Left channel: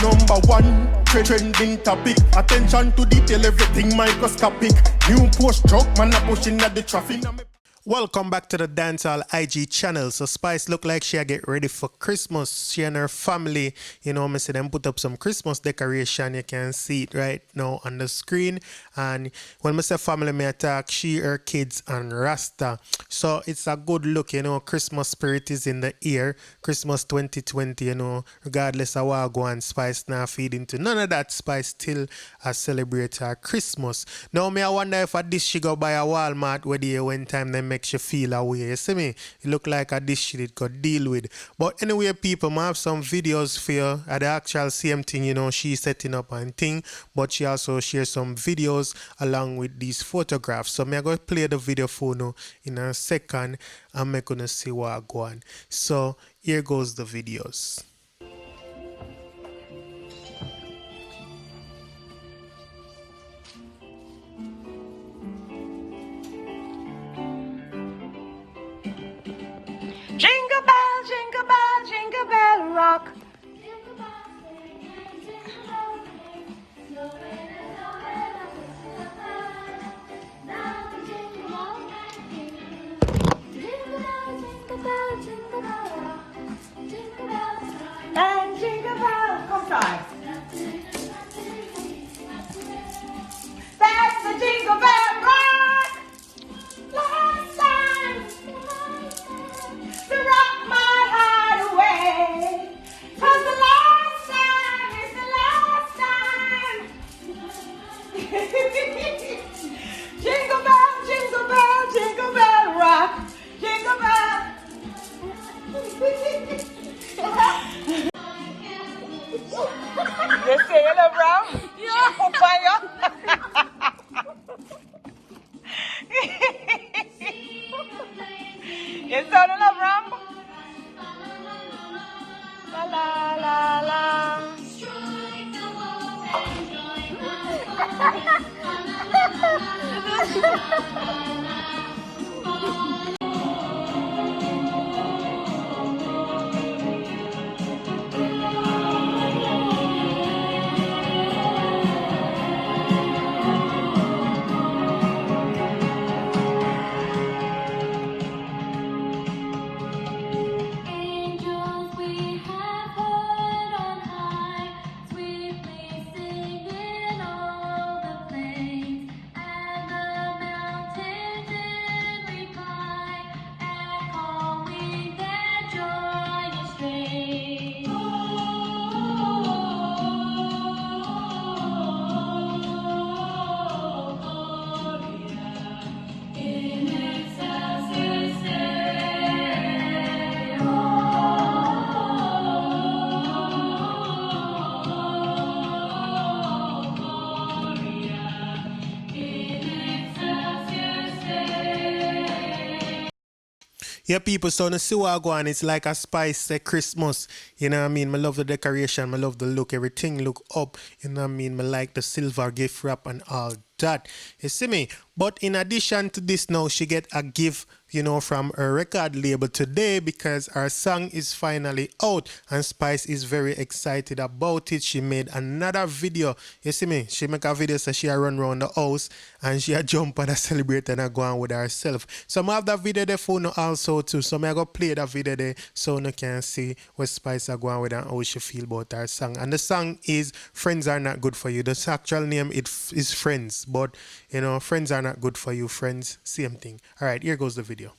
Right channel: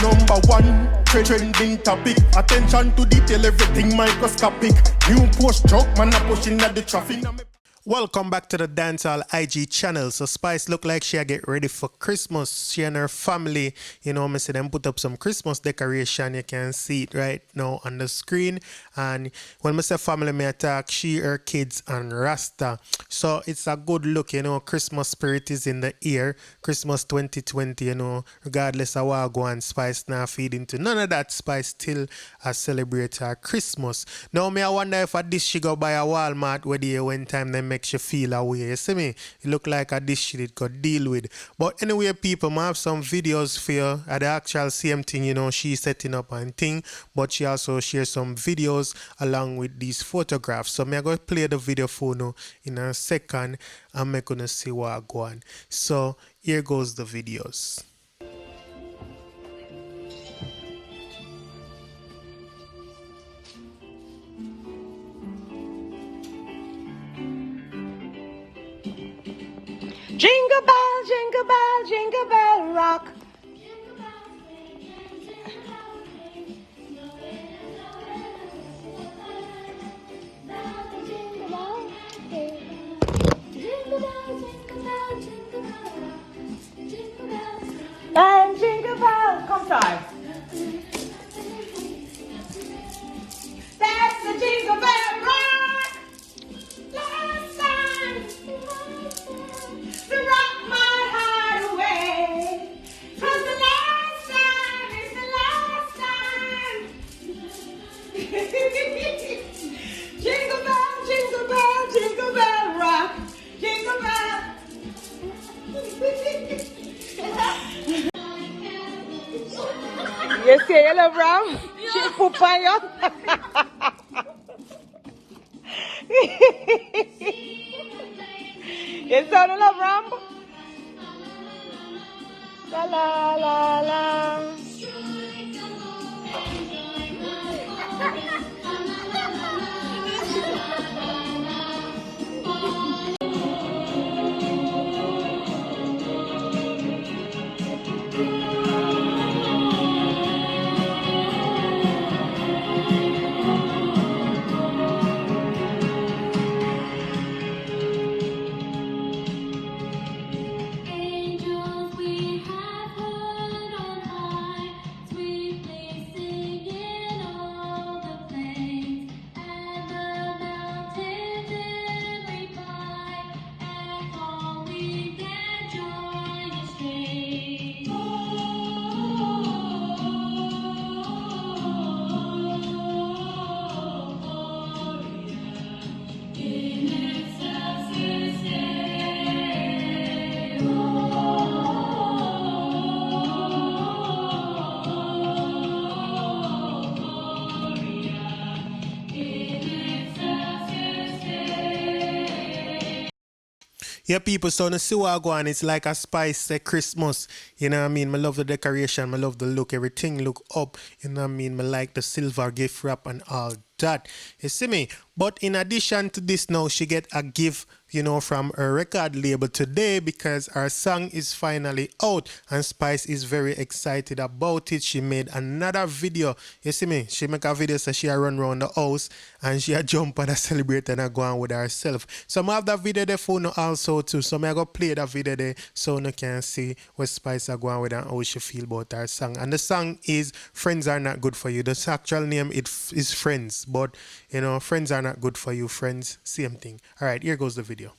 Number one, trending topic. Attention to detail, everything microscopic. New post truck, man a pushing at the traffic. Welcome back to the Dancehall IG channel. So Spice look like she a get ready for Christmas. She and her family, you know, me see them put up some Christmas decoration. You can see it right now on the screen. And when me say family, me attack she, her kids, and Rasta. So it's a good look, you know. Christmas spirit is in the air. Christmas 2020, you know, regardless of what go on, Spice now feed into none of that. Spice still celebrate her Christmas. Now me I wonder if a dish she go buy a Walmart where the when time they make you feel away. You see me? It look like a dish she did got deal with. But anyway, people, I have some videos for you at the actual same thing, you know, she setting up and thing, but she also shares some videos along with these photographs. So I'm going to play the video for you in a second and I'm going to see what I go on. So here goes the videos. Jingle bell, jingle bell, jingle bell rock. And jingle bell, come time. That's the jingle bell rock. Last time to rock my heart away. 'Cause the last time is the last time. Jingle bell, jingle bell, jingle bell rock. Jingle bell. You see it, Ram? She put fire. You saw the love, Ram? La la la la. Yeah, people, so to see what I go on, it's like a Spice Christmas. You know what I mean? I love the decoration, I love the look, everything look up. You know what I mean? I like the silver gift wrap and all that. You see me? But in addition to this now, she get a gift, you know, from her record label today because her song is finally out and Spice is very excited about it. She made another video. You see me? She make a video so she a run around the house and she a jump and a celebrate and a go on with herself. So I have that video there for you also too. So I go play that video there so you can see what Spice are going with and how she feel about her song. And the song is Friends Are Not Good For You. The actual name is Friends, but you know, friends are not good for you. Friends, same thing. All right, here goes the video.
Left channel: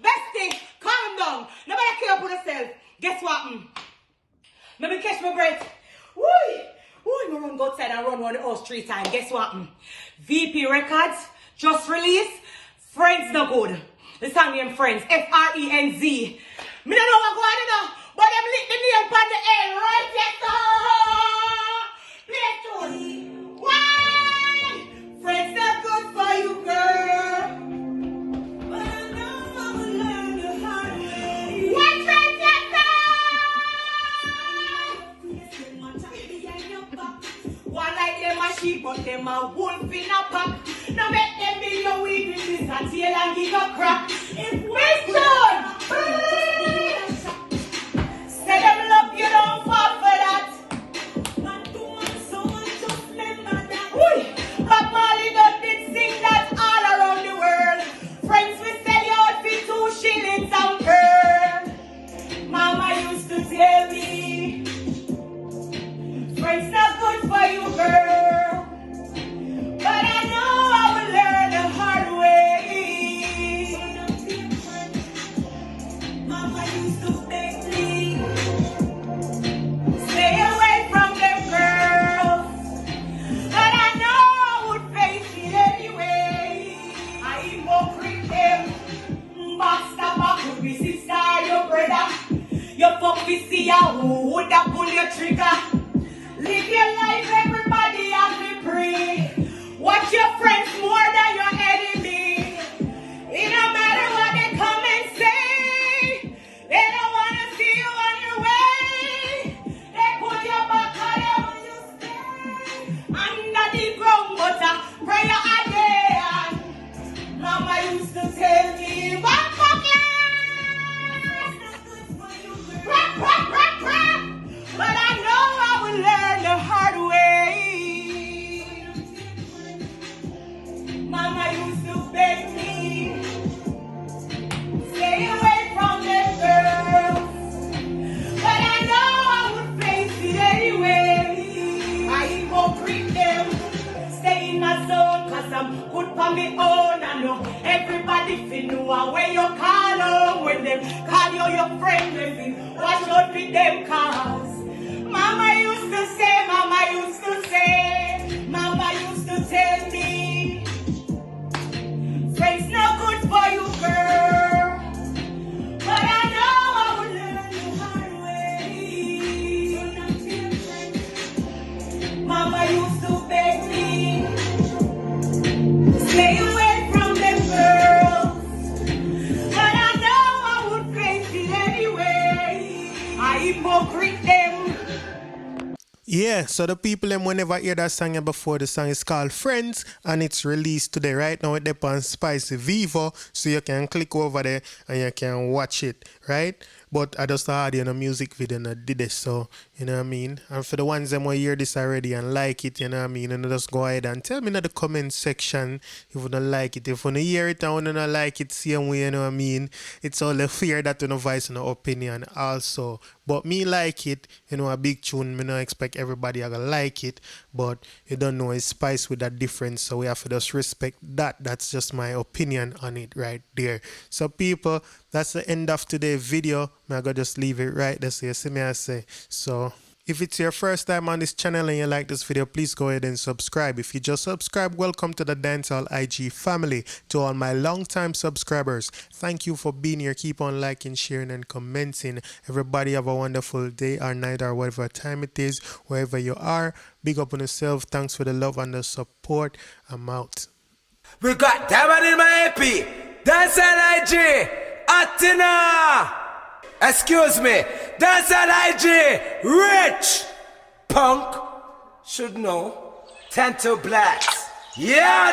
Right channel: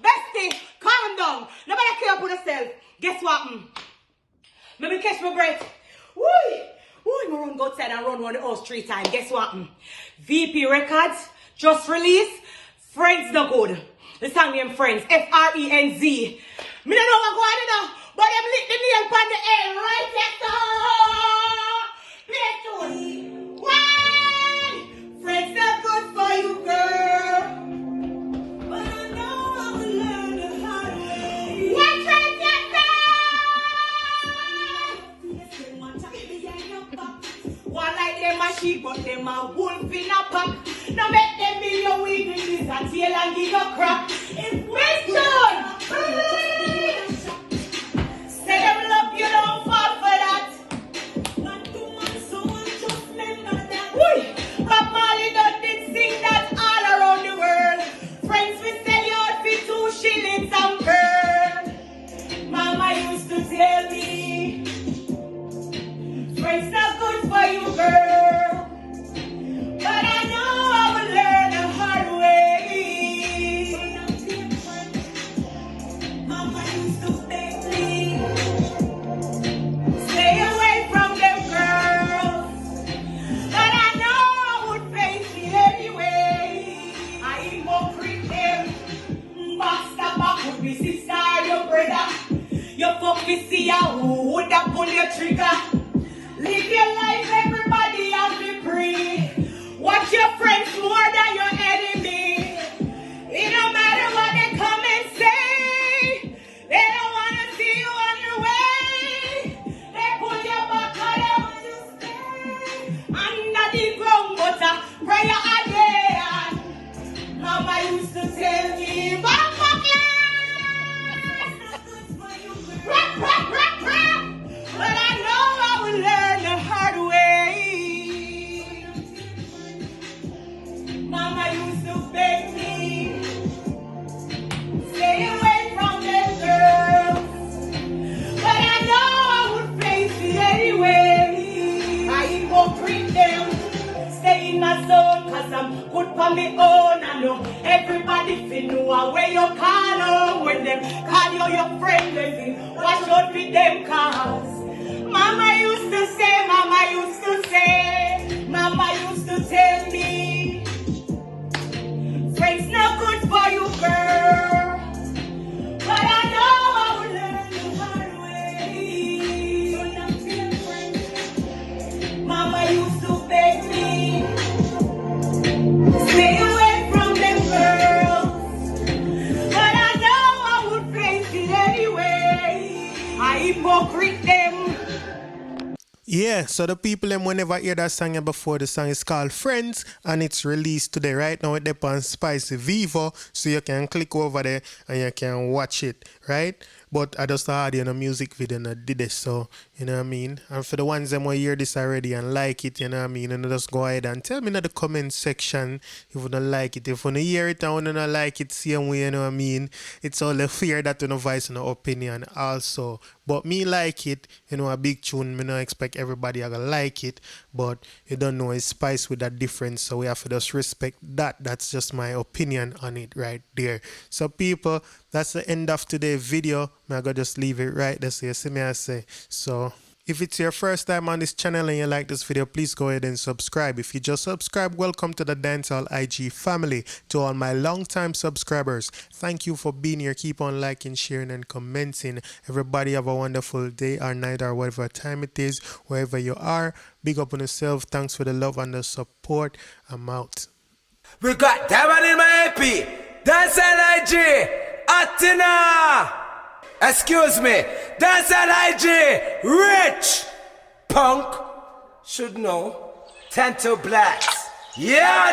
Bestie, calm down. Nobody care about yourself. Guess what? Let me catch my breath. Woo! Woo! I run go outside and run around the house 3 times. Guess what? VP Records just released Friends No Good. The song named Friends. F-R-E-N-Z. Me don't know what going on, you know, but them lit the nail upon the air right there. Play to one. Friends are good for you, girl. But I know I will learn the hard way. What's right there? One like them a sheep, but them a wolf in a pack. Now make them be your weaknesses and tail and give a crack. It's mission! to see who would have pull your trigger. Live your life, everybody has to pray. Watch your friends more than your enemy. It don't matter what they come and say. They don't want to see you on your way. They pull your back wherever you stay. Under the ground, but a prayer again. Mama used to tell me, back rap, rap, rap, rap. But I know I will learn the hard way. Mama used to beg me, stay away from them girls. But I know I would face it anyway. I hypocrite them, stay in my zone, cause I'm good for me own. I know everybody feel know where you call on. When them call you your friend, baby, watch out with them cause Mama used to say, Mama used to say, Mama used to tell me, friends not good for you, girl. But I know I will learn the hard way. Mama used to beg me, stay away from them girls. But I know I would face it anyway. I hypocrite them. Yeah, so the people them whenever hear that song before, the song is called Friends and it's released today. Right now it's on Spicy Vivo, so you can click over there and you can watch it, right? But I just had in a music video and I did it, so you know what I mean. And for the ones that hear this already and like it, you know what I mean, and just go ahead and tell me in the comment section if you don't like it. If you don't hear it and you don't like it, same way, you know what I mean. It's all the fear that you know voice and opinion also. But me like it, you know, a big tune, me not expect everybody gonna like it, but you don't know it's spice with that difference, so we have to just respect that. That's just my opinion on it right there. So people, that's the end of today's video. I'm gonna just leave it right there so you see me I say. So if it's your first time on this channel and you like this video, please go ahead and subscribe. If you just subscribe, welcome to the Dancehall IG family. To all my long-time subscribers, thank you for being here. Keep on liking, sharing, and commenting. Everybody have a wonderful day or night or whatever time it is, wherever you are. Big up on yourself. Thanks for the love and the support. I'm out. We got Diamond in my AP. Dancehall IG. Atina. Excuse me, Dancehall IG, rich, punk, should know, 10 to blacks, yeah,